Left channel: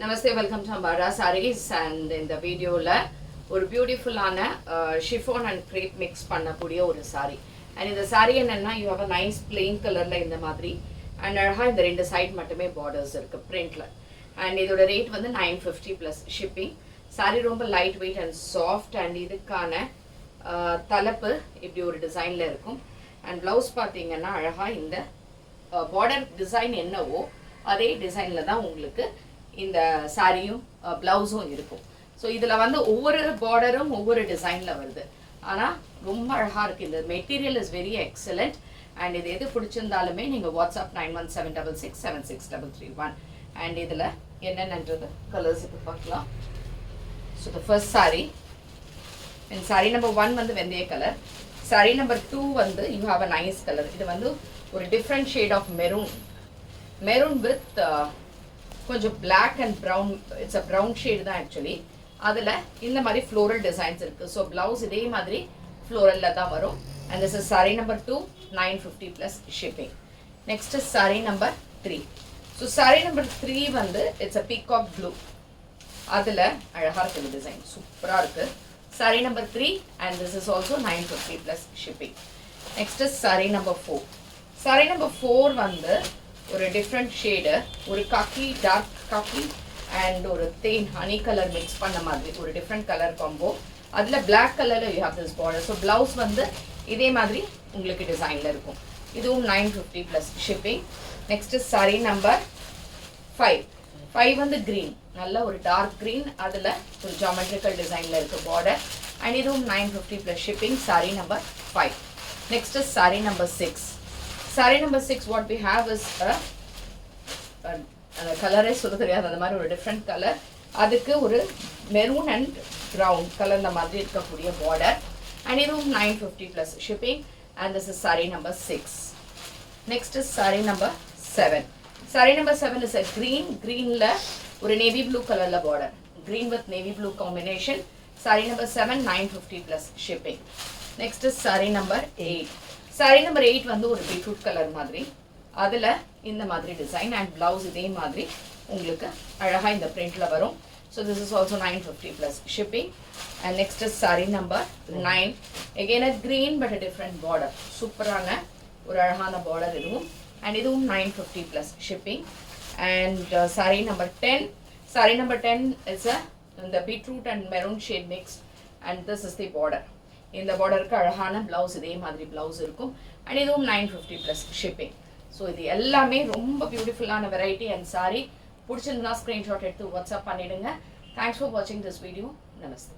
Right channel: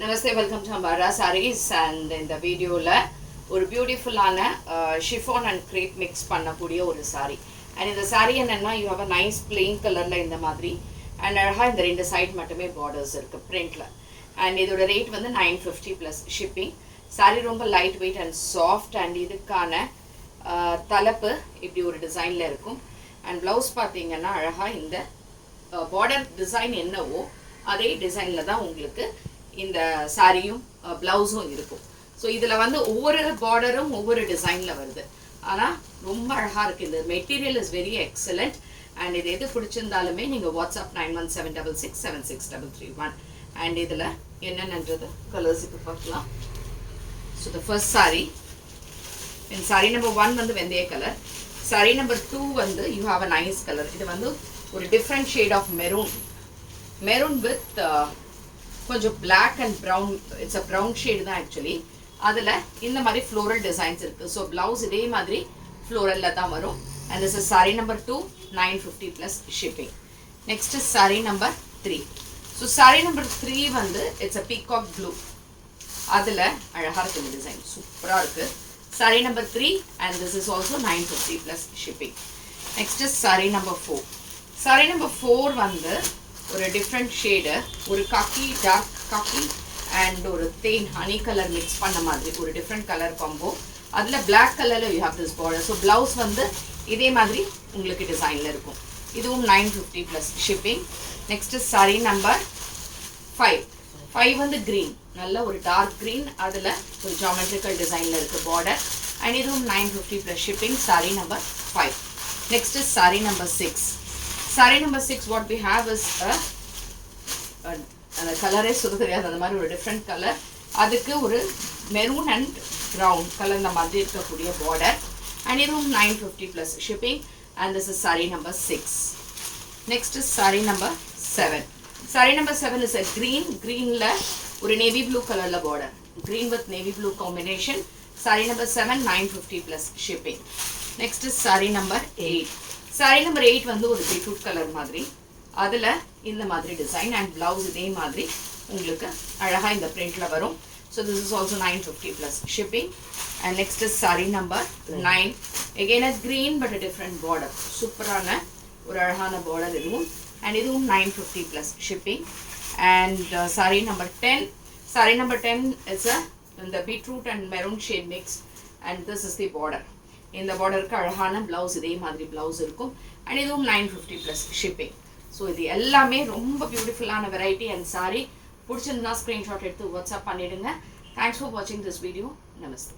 Namaste, welcome to Ambara Sarees and in the video la ஒரு பியூட்டிஃபுல்லான chiffon and grape mix பண்ணக்கூடிய ஒரு sorry. And இந்த sorry என்னன்னா you have a nice plain கலர்ல இந்த மாதிரி அண்ட் அழகா இந்த ரெண்டு சைட் மட்டுமே பார்டர்ஸ் இருக்கு பிரிண்ட்ல. அண்ட் இதோட ரேட் வந்து 950 ப்ளஸ் ஷிப்பிங். சாரி ரொம்ப light weight and soft and இதுக்கான தலைப்பு இப்படி ஒரு டிசைன்ல இருக்கும். அண்ட் பிளவுஸ் பார்த்தீங்கன்னா அழகா இந்த பார்டர் டிசைன் என்னவோ அதே டிசைன்ல தான் உங்களுக்கு இந்த சாரியும் பிளவுஸும் இருக்கும். ஸோ இதில் வந்து ஒவ்வொரு பார்டரும் ஒவ்வொரு டிசைனில் வருது. ஆனால் ரொம்ப அழகாக இருக்குது. இந்த material is very excellent. And இது எது பிடிச்சிருந்தாலுமே நீங்கள் வாட்ஸ்அப் 9176676331. அண்ட் இதில் என்னென்னன்றது கலர்ஸ் இப்போ பார்க்கலாம். So the first sari in sari number 1 வந்து வெந்தய கலர். சாரி நம்பர் 2 வந்து you have a nice colour. இது வந்து ஒரு different shade of maroon with கொஞ்சம் black and brown. It's a brown shade தான் ஆக்சுவலி. அதில் இந்த மாதிரி ஃப்ளோரல் டிசைன்ஸ் இருக்குது. ஸோ பிளவுஸ் இதே மாதிரி ஃப்ளோரலில் தான் வரும். And this is sari number 2 950 plus shipping. Next is sari number 3. So sorry number 3 வந்து இட்ஸ் அ பீகாக் ப்ளூ. அதில் அழகாக இருக்குது டிசைன், சூப்பராக இருக்குது. Sorry number 3 and this is also 950 plus shipping. Next is sari number 4. Sorry number 4 வந்து ஒரு டிஃப்ரெண்ட் ஷேடு, ஒரு காக்கி dark khaki and ஒரு தேன் ஹனி கலர் மிக்ஸ் பண்ண மாதிரி ஒரு டிஃப்ரெண்ட் கலர் காம்போ. அதில் பிளாக் கலரில் you have this border. So blouse வந்து இதே மாதிரி உங்களுக்கு டிசைனில் இருக்கும். இதுவும் 950 plus shipping. Next sari number 5 வந்து க்ரீன், நல்ல ஒரு டார்க் க்ரீன். அதில் ஒரு ஜாமெட்ரிக்கல் டிசைனில் இருக்குது பார்டர். அண்ட் இதுவும் 950 plus shipping. Sari number 5. Next sari number 6. Sari number 6 what we have is அந்த கலரே சொல்ல தெரியாது, அந்த மாதிரி ஒரு டிஃப்ரெண்ட் கலர். அதுக்கு ஒரு மெரூன் அண்ட் ப்ரௌன் கலரில் மாதிரி இருக்கக்கூடிய பார்டர். அண்ட் இதுவும் 950 plus shipping. And this is sari number 6. Next is sari number 7. Sorry number 7 is a க்ரீனில் ஒரு நேவி ப்ளூ கலரில் border. Green with navy blue combination. Sorry number 7 950 plus shipping. Next is sari number 8. Sorry number 8 வந்து ஒரு beetroot colour மாதிரி. அதில் இந்த மாதிரி design and blouse இதே மாதிரி உங்களுக்கு அழகாக இந்த பிரிண்டில் வரும். So this is also 950 plus shipping. And next is sari number 9. Again a green but a different border, சூப்பரான ஒரு அழகான பார்டர் இதுவும். அண்ட் இதுவும் 950 plus shipping. And sari number 10. Sari number 10 is இந்த beetroot and maroon shade mix. And this is the border. இந்த பார்டருக்கு அழகான blouse இதே மாதிரி பிளவுஸ் இருக்கும். அண்ட் இதுவும் 950 ப்ளஸ் ஷிப்பிங். ஸோ இது எல்லாமே ரொம்ப பியூட்டிஃபுல்லான வெரைட்டி அண்ட் சாரி. பிடிச்சிருந்தா ஸ்க்ரீன்ஷாட் எடுத்து வாட்ஸ்அப் பண்ணிவிடுங்க. தேங்க்ஸ் ஃபார் வாட்சிங் திஸ் வீடியோ. நமஸ்தே.